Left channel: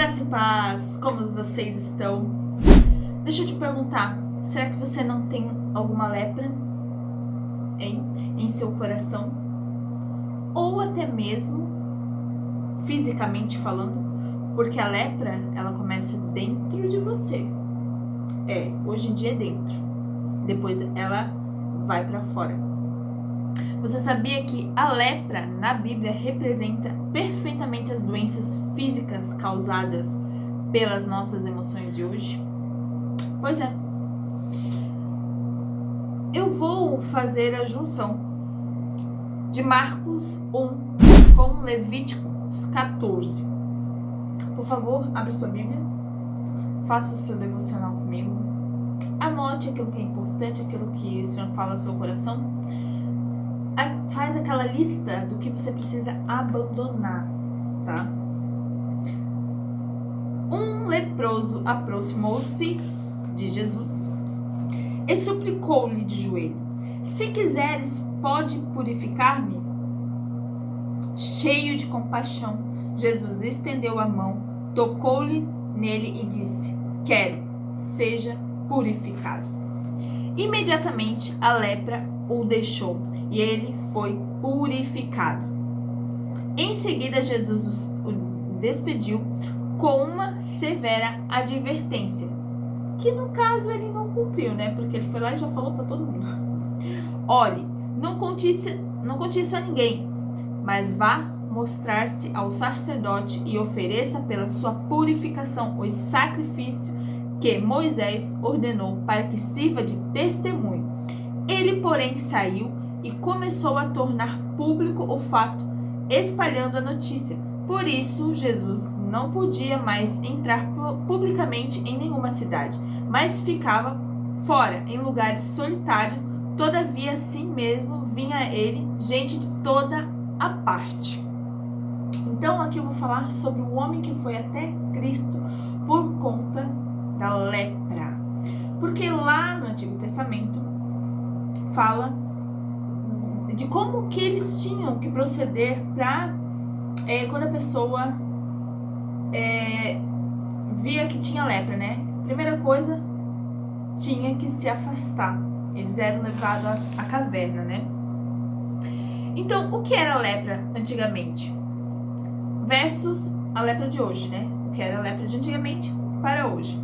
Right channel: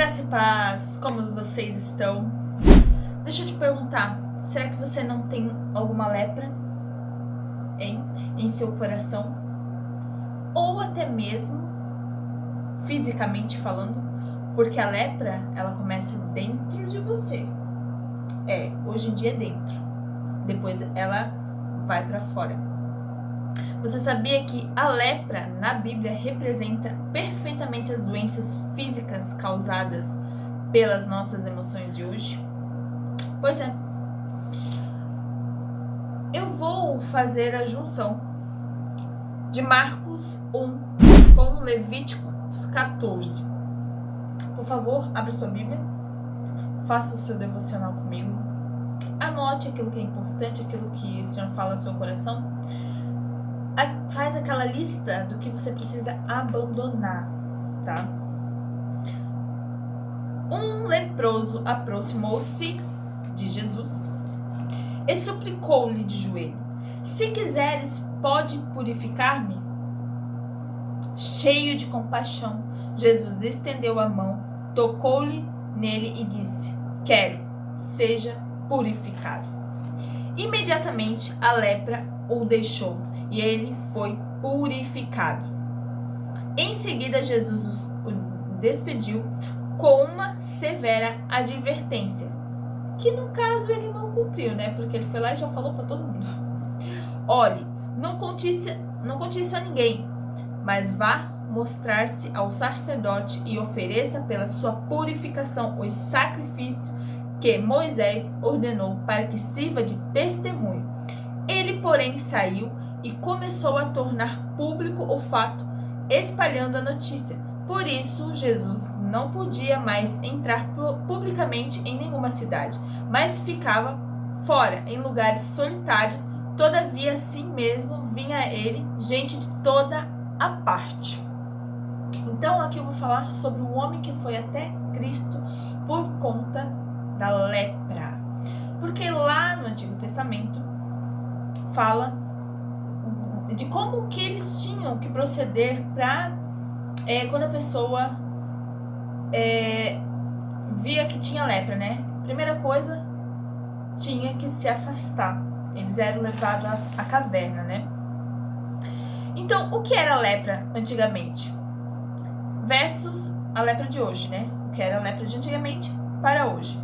Graça e paz, como vocês estão? Deixa eu te perguntar, será que você não tem alguma lepra, hein, em seu coração? Ou até mesmo fisicamente falando? Porque a lepra, ela começa dentro de você. Hoje em dia é dentro. Depois ela vai para fora. Você sabia que a lepra na Bíblia representa perfeitamente as doenças físicas causadas pelas nossas emoções de hoje? Pois é. Eu vou fazer a junção de Marcos 1 com Levíticos 14. Por favor, abra sua Bíblia, faça o seu devocional comigo, anote aquilo que é importante, aquilo que o Senhor fala ao seu coração, faz aquela lista do que você precisa abandonar, tá? Um leproso aproximou-se de Jesus e suplicou-lhe de joelho: se quiseres, pode purificar-me? Cheio de compaixão, Jesus estendeu a mão, tocou-lhe nele e disse: quero, seja purificado. Imediatamente a lepra o deixou e ele foi purificado. Em seguida, Jesus o despediu com uma severa advertência, que no caso ele não cumpriu, né? Porque ele foi lá e já falou para todo mundo: olhe, não conte isso a ninguém, mas vá mostrar-se ao sacerdote e ofereça pela sua purificação o sacrifício que Moisés ordenou para que sirva de testemunho. Ele, porém, saiu e começou a tornar público o fato, espalhando a notícia. Por isso, Jesus não podia mais entrar publicamente em nenhuma cidade, mas ficava fora, em lugares solitários. Todavia, assim mesmo, vinha a ele gente de toda a parte. Então, aqui eu vou falar sobre o homem que foi até Cristo por conta da lepra. Porque lá no Antigo Testamento fala de como que eles tinham que proceder para quando a pessoa via que tinha lepra, né? Primeira coisa, tinha que se afastar. Eles eram levados à caverna, né? Então, o que era a lepra antigamente? Versus a lepra de hoje, né? O que era a lepra de antigamente para hoje.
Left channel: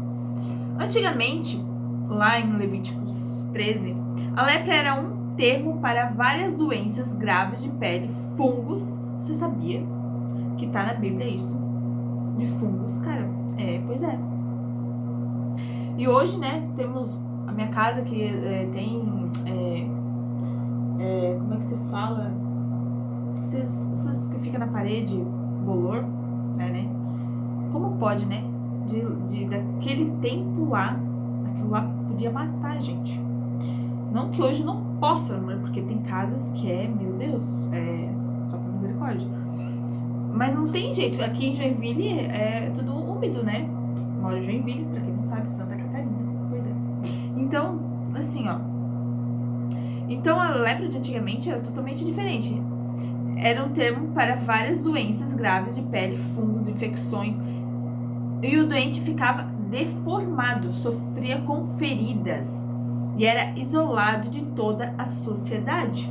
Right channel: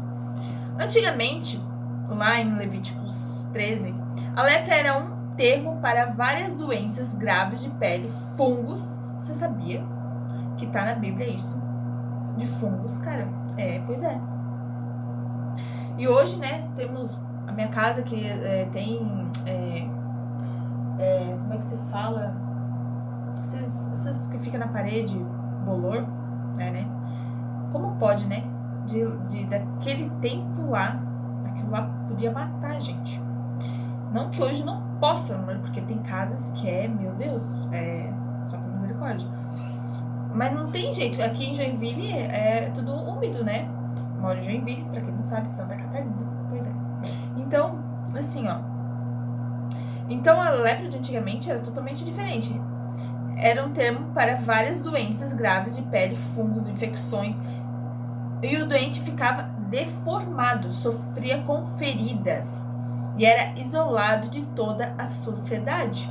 Antigamente, lá em Levíticos 13, a lepra era um termo para várias doenças graves de pele, fungos. Você sabia que tá na Bíblia isso? De fungos, cara. Pois é. E hoje, né, temos a minha casa que tem... como é que se fala? Essas que fica na parede, bolor, né? Como pode, né? Daquele tempo lá, aquilo lá podia matar a gente. Não que hoje não possa, porque tem casas que meu Deus, só por misericórdia. Mas não tem jeito. Aqui em Joinville é tudo úmido, né? Moro em Joinville, pra quem não sabe, Santa Catarina. Pois é. Então, assim, ó. Então a lepra de antigamente era totalmente diferente. Era um termo para várias doenças graves de pele, fungos, infecções. E o doente ficava deformado, sofria com feridas e era isolado de toda a sociedade.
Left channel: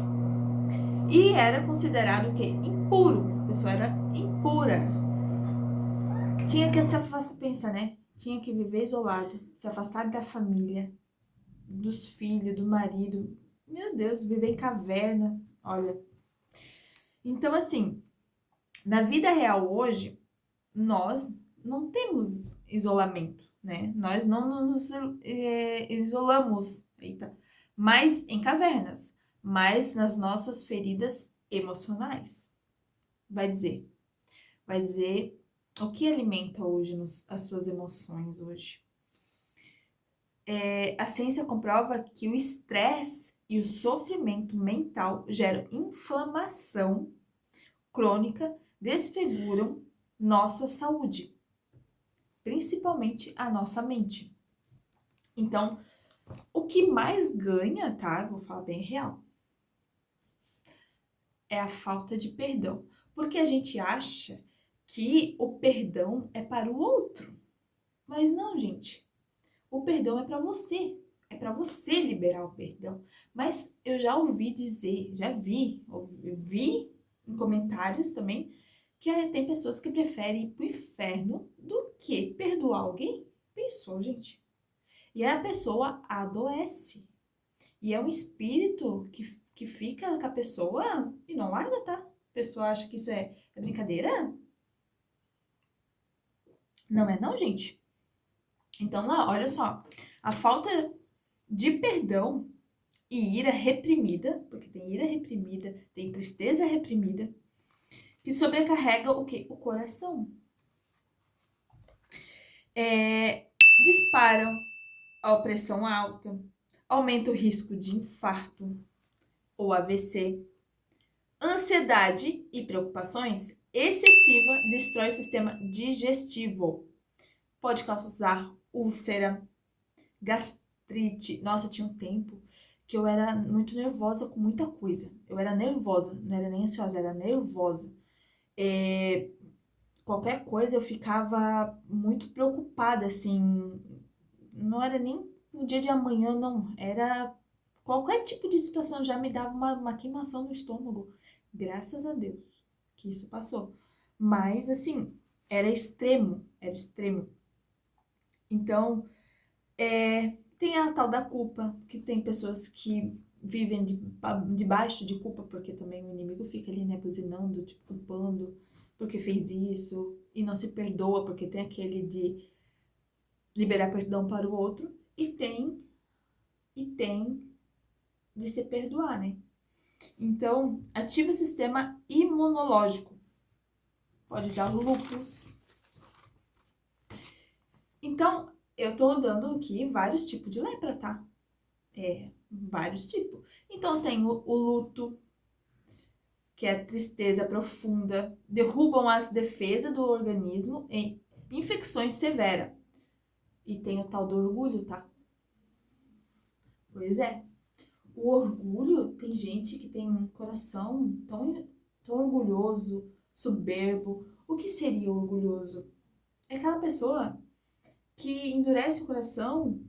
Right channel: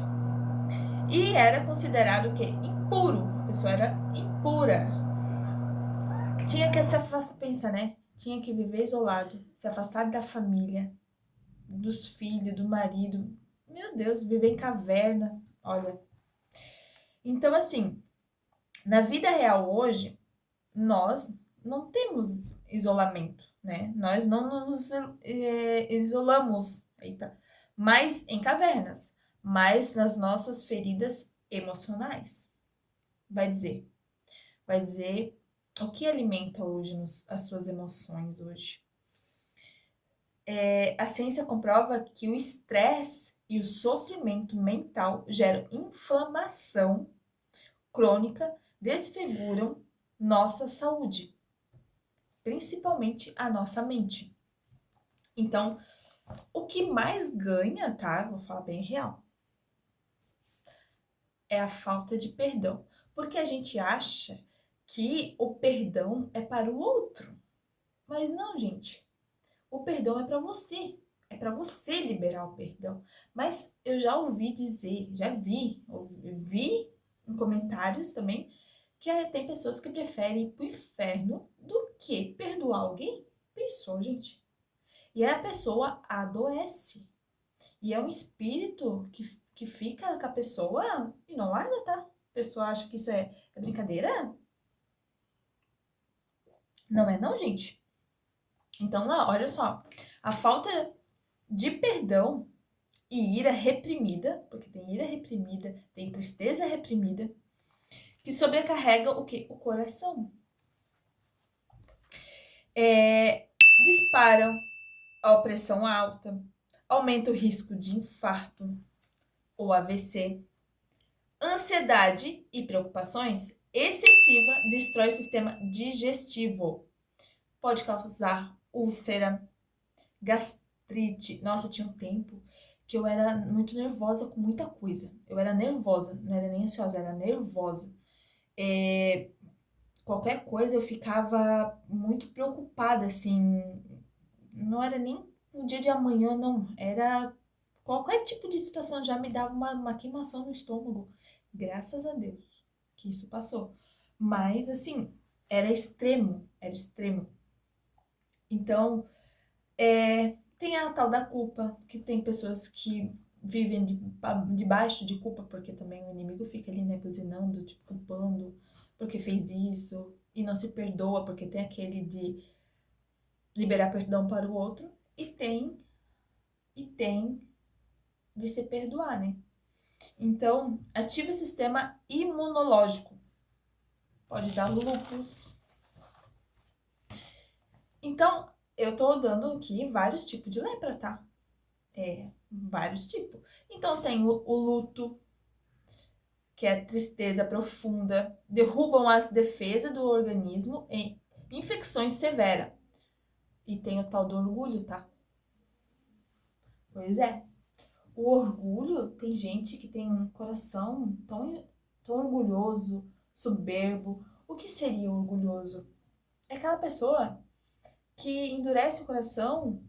E era considerado o quê? Impuro. A pessoa era impura. Tinha que se afastar, pensa, né? Tinha que viver isolado, se afastar da família, dos filhos, do marido. Meu Deus, viver em caverna, olha. Então, assim, na vida real hoje, nós não temos isolamento, né? Nós não nos isolamos, mas em cavernas, mas nas nossas feridas emocionais. Vai dizer o que alimenta hoje as suas emoções hoje. A ciência comprova que o estresse e o sofrimento mental geram inflamação crônica, desfiguram nossa saúde, principalmente a nossa mente. Então, o que mais ganha, tá? Vou falar bem real. É a falta de perdão. Porque a gente acha que o perdão é para o outro. Mas não, gente. O perdão é para você. É para você liberar o perdão. Mas eu já ouvi dizer, vi em comentários também, que tem pessoas que preferem ir pro inferno do que perdoar alguém. Pensou, gente? E aí a pessoa adoece. E é um espírito que fica com a pessoa e não larga, tá? A pessoa acha que isso é brincadeira? Não é não, gente. Então, lá, olha só. A falta de perdão e ira reprimida, porque tem ira reprimida, tem tristeza reprimida, que sobrecarrega o quê? O coração. Disparam a pressão alta, aumenta o risco de infarto ou AVC. Ansiedade e preocupações excessiva destrói o sistema digestivo. Pode causar úlcera, gastrite. Nossa, tinha um tempo que eu era muito nervosa com muita coisa. Eu era nervosa, não era nem ansiosa, era nervosa. Qualquer coisa eu ficava muito preocupada, assim. Não era nem o dia de amanhã, não. Era qualquer tipo de situação já me dava uma queimação no estômago. Graças a Deus que isso passou. Mas, assim, era extremo, era extremo. Então, tem a tal da culpa, que tem pessoas que vivem debaixo de culpa, porque também o inimigo fica ali, né, buzinando, tipo, culpando, porque fez isso, e não se perdoa, porque tem aquele de liberar perdão para o outro, e tem de se perdoar, né? Então, ativa o sistema imunológico. Pode dar lúpus. Então, eu tô dando aqui vários tipos de lepra, tá? Vários tipos. Então, tem o luto, que é tristeza profunda, derrubam as defesas do organismo em infecções severas. E tem o tal do orgulho, tá? Pois é. O orgulho, tem gente que tem um coração tão orgulhoso, soberbo. O que seria orgulhoso? É aquela pessoa que endurece o coração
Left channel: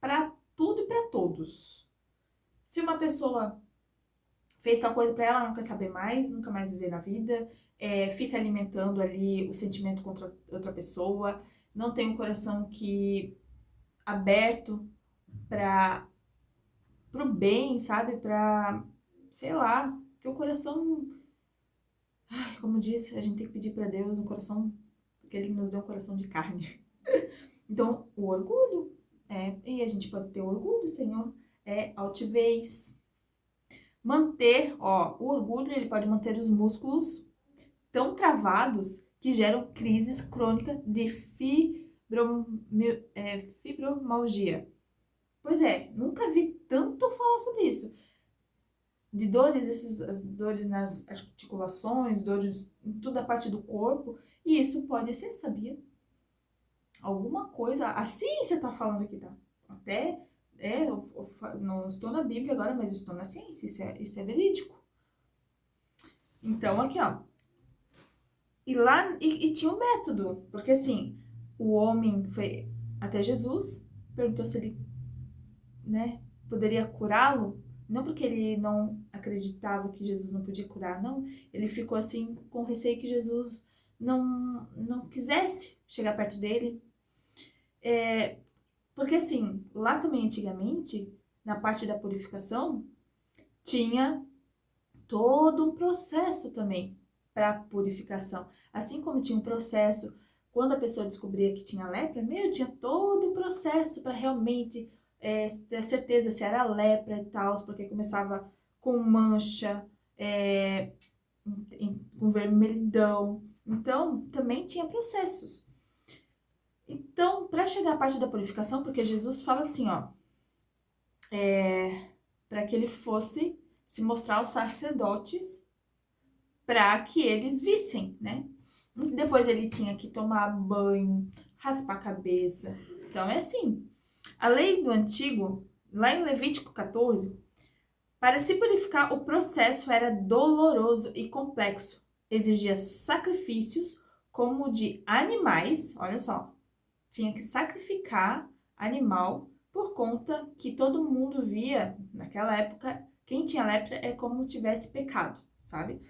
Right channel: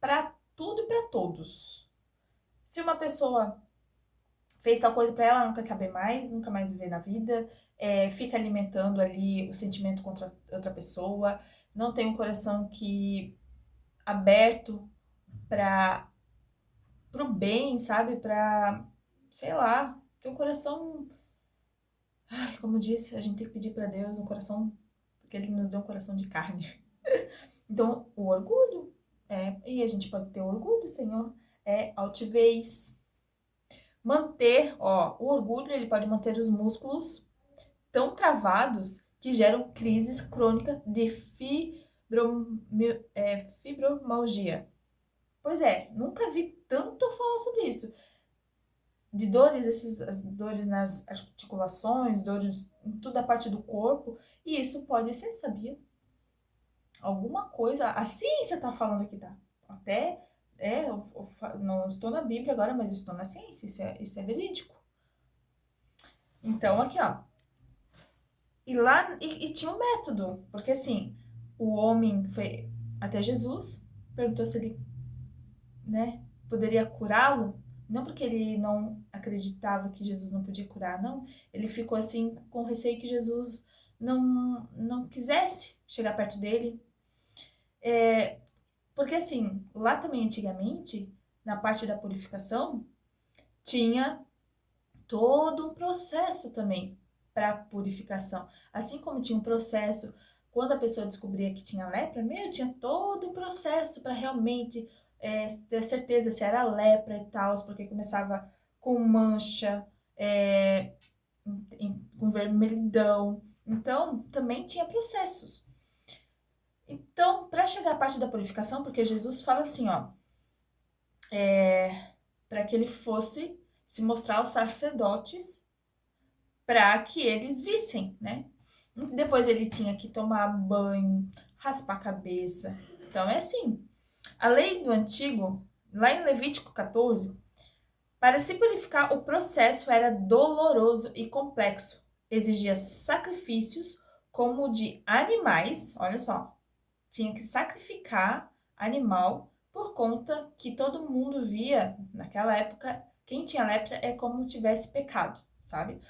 para tudo e para todos. Se uma pessoa fez tal coisa para ela, não quer saber mais, nunca mais viver na vida, fica alimentando ali o sentimento contra outra pessoa, não tem um coração aberto para pro bem, sabe? Pra, sei lá, ter um coração. Ai, como disse, a gente tem que pedir para Deus um coração, que Ele nos dê um coração de carne. Então, o orgulho, e a gente pode ter orgulho, Senhor, altivez. O orgulho, ele pode manter os músculos tão travados que geram crises crônicas de fibromialgia. Pois nunca vi tanto falar sobre isso. De dores, as dores nas articulações, dores em toda a parte do corpo, e isso pode ser, sabia? Alguma coisa, a ciência tá falando aqui, tá? Até, eu não estou na Bíblia agora, mas estou na ciência, isso é verídico. Então, aqui, ó. E lá, e tinha um método, porque assim, o homem foi até Jesus, perguntou se ele, né, poderia curá-lo, não porque ele não acreditava que Jesus não podia curar, não, ele ficou assim com receio que Jesus não quisesse chegar perto dele, porque assim, lá também antigamente, na parte da purificação, tinha todo um processo também para purificação. Assim como tinha um processo quando a pessoa descobria que tinha lepra, tinha todo um processo para realmente ter certeza se era lepra e tal, porque começava com mancha, com vermelhidão. Então, também tinha processos. Então, para chegar à parte da purificação, porque Jesus fala assim, ó, para que ele fosse se mostrar aos sacerdotes para que eles vissem, né? Depois ele tinha que tomar banho, raspar a cabeça. Então, é assim. A lei do antigo, lá em Levítico 14, para se purificar, o processo era doloroso e complexo. Exigia sacrifícios, como de animais, olha só, tinha que sacrificar animal por conta que todo mundo via, naquela época, quem tinha lepra é como se tivesse pecado, sabe?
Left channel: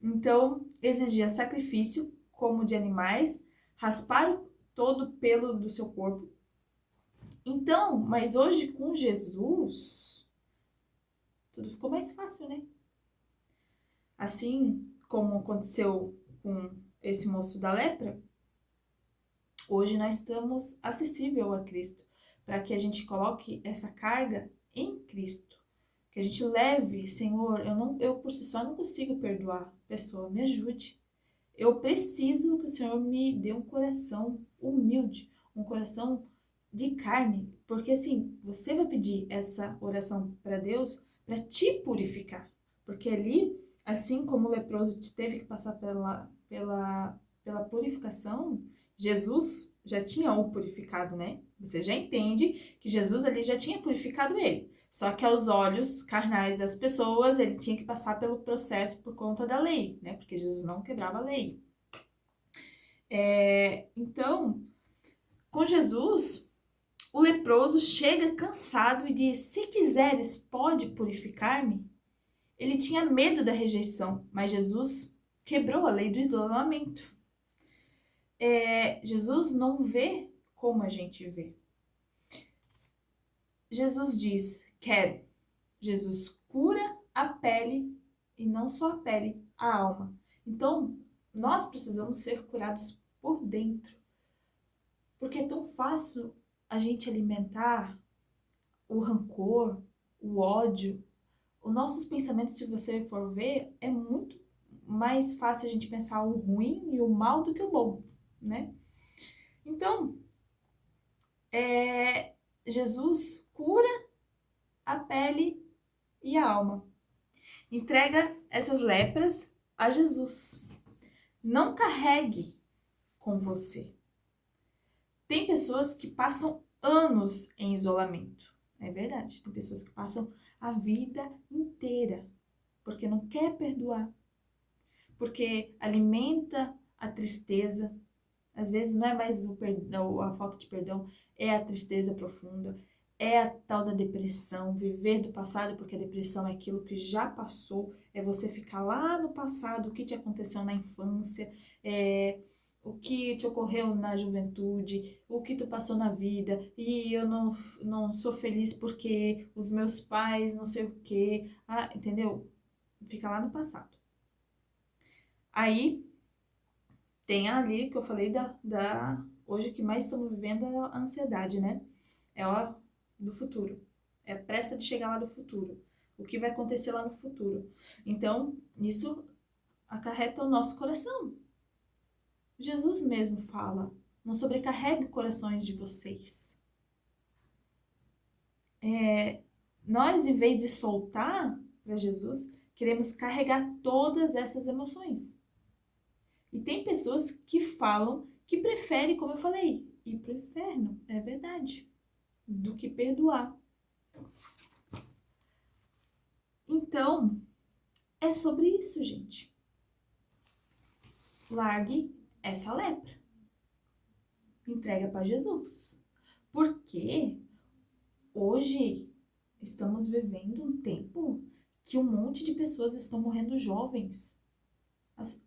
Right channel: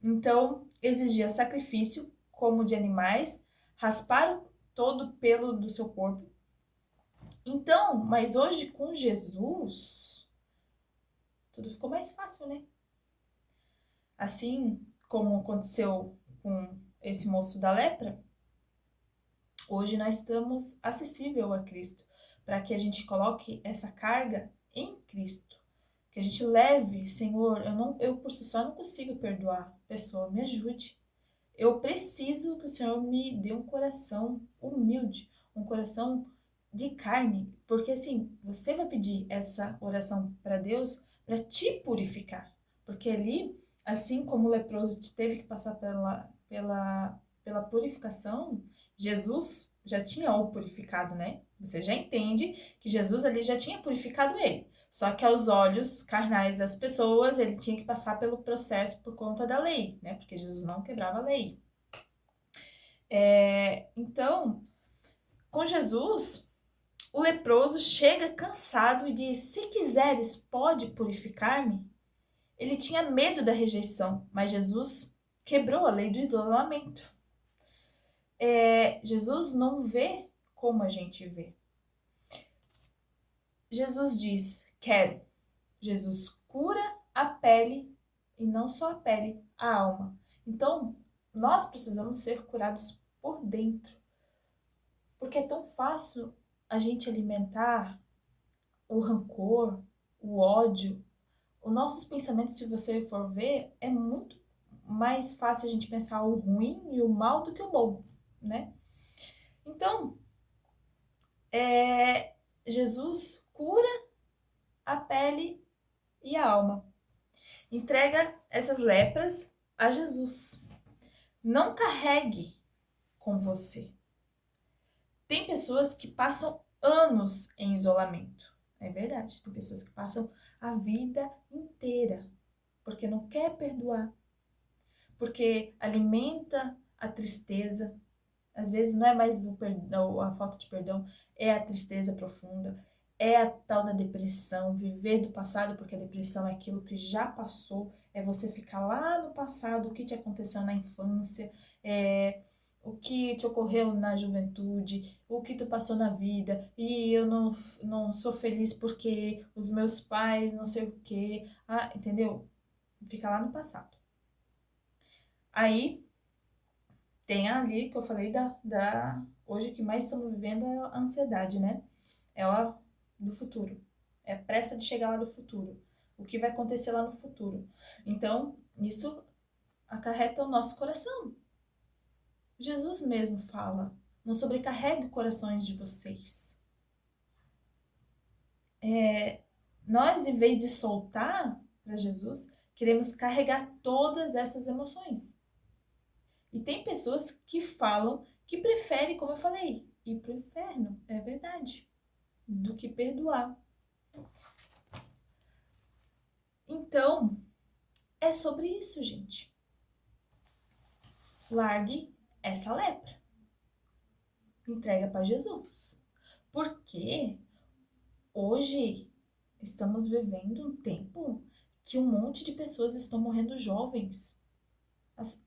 Então, exigia sacrifício, como de animais, raspar todo o pelo do seu corpo. Então, mas hoje com Jesus, tudo ficou mais fácil, né? Assim como aconteceu com esse moço da lepra, hoje nós estamos acessível a Cristo, para que a gente coloque essa carga em Cristo, que a gente leve, Senhor, eu por si só não consigo perdoar a pessoa, me ajude. Eu preciso que o Senhor me dê um coração humilde, um coração de carne, porque assim, você vai pedir essa oração para Deus para te purificar, porque ali, assim como o leproso teve que passar pela purificação, Jesus já tinha o purificado, né? Você já entende que Jesus ali já tinha purificado ele. Só que aos olhos carnais das pessoas, ele tinha que passar pelo processo por conta da lei, né? Porque Jesus não quebrava a lei. Então, com Jesus, o leproso chega cansado e diz: Se quiseres, pode purificar-me? Ele tinha medo da rejeição, mas Jesus quebrou a lei do isolamento. Jesus não vê como a gente vê. Jesus diz: Quero. Jesus cura a pele e não só a pele, a alma. Então, nós precisamos ser curados por dentro, porque é tão fácil a gente alimentar o rancor, o ódio. Os nossos pensamentos, se você for ver, é muito mais fácil a gente pensar o ruim e o mal do que o bom, né? Então, Jesus cura a pele e a alma. Entrega essas lepras a Jesus. Não carregue com você. Tem pessoas que passam anos em isolamento. É verdade. Tem pessoas que passam a vida inteira porque não quer perdoar, porque alimenta a tristeza. Às vezes não é mais o perdão, a falta de perdão, é a tristeza profunda, é a tal da depressão, viver do passado, porque a depressão é aquilo que já passou, é você ficar lá no passado, o que te aconteceu na infância, o que te ocorreu na juventude, o que tu passou na vida, e eu não sou feliz porque os meus pais não sei o quê, entendeu? Fica lá no passado. Aí, tem ali que eu falei hoje que mais estamos vivendo é a ansiedade, né? É a do futuro. É a pressa de chegar lá do futuro. O que vai acontecer lá no futuro. Então, isso acarreta o nosso coração. Jesus mesmo fala: não sobrecarregue corações de vocês. Nós, em vez de soltar para Jesus, queremos carregar todas essas emoções. E tem pessoas que falam que preferem, como eu falei, ir pro inferno, é verdade, do que perdoar. Então, é sobre isso, gente. Largue essa lepra. Entrega para Jesus. Porque hoje estamos vivendo um tempo que um monte de pessoas estão morrendo jovens.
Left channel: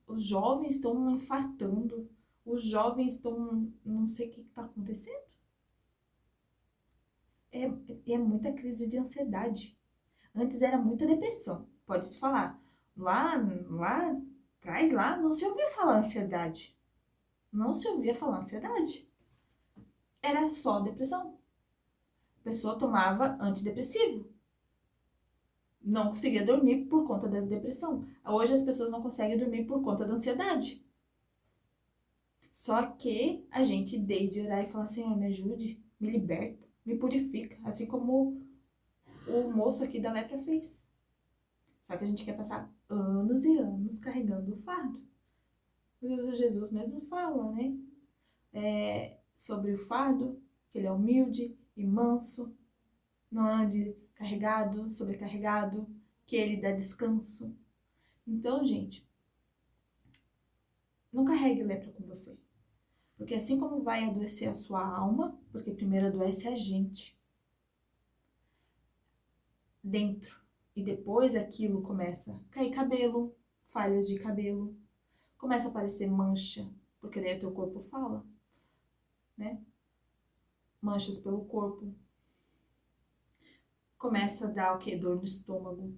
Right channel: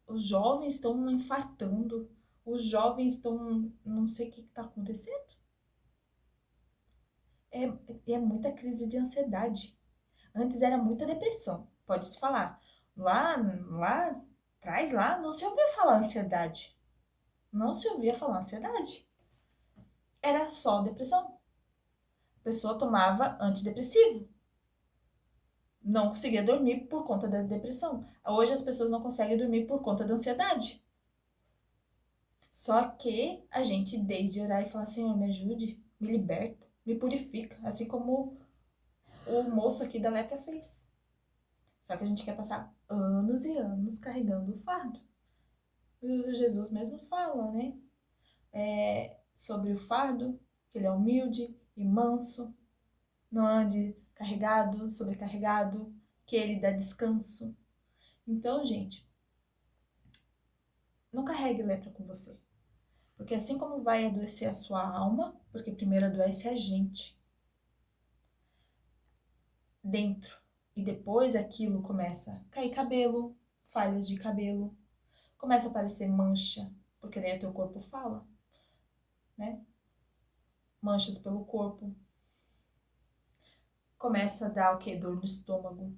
Os jovens estão infartando. Os jovens estão... Não sei o que está acontecendo. É muita crise de ansiedade. Antes era muita depressão, pode-se falar. Lá atrás, lá, não se ouvia falar ansiedade. Não se ouvia falar ansiedade. Era só depressão. A pessoa tomava antidepressivo. Não conseguia dormir por conta da depressão. Hoje as pessoas não conseguem dormir por conta da ansiedade. Só que a gente, desde orar e falar, Senhor, me ajude, me liberta, me purifica. Assim como o moço aqui da lepra fez. Só que a gente quer passar anos e anos carregando o fardo. O Jesus mesmo fala, né? Sobre o fardo, que ele é humilde e manso, não ande carregado, sobrecarregado, que ele dá descanso. Então, gente, não carregue lepra com você. Porque assim como vai adoecer a sua alma, porque primeiro adoece a gente dentro, e depois aquilo começa a cair cabelo, falhas de cabelo, começa a aparecer mancha, porque daí o teu corpo fala, né? Manchas pelo corpo. Começa a dar o quê? Dor no estômago,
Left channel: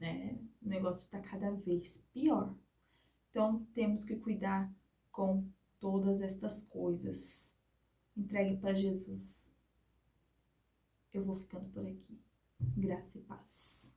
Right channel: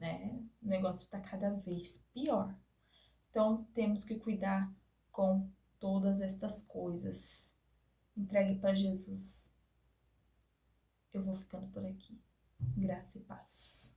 né? O negócio tá cada vez pior. Então, temos que cuidar com todas estas coisas. Entregue para Jesus. Eu vou ficando por aqui. Graça e paz.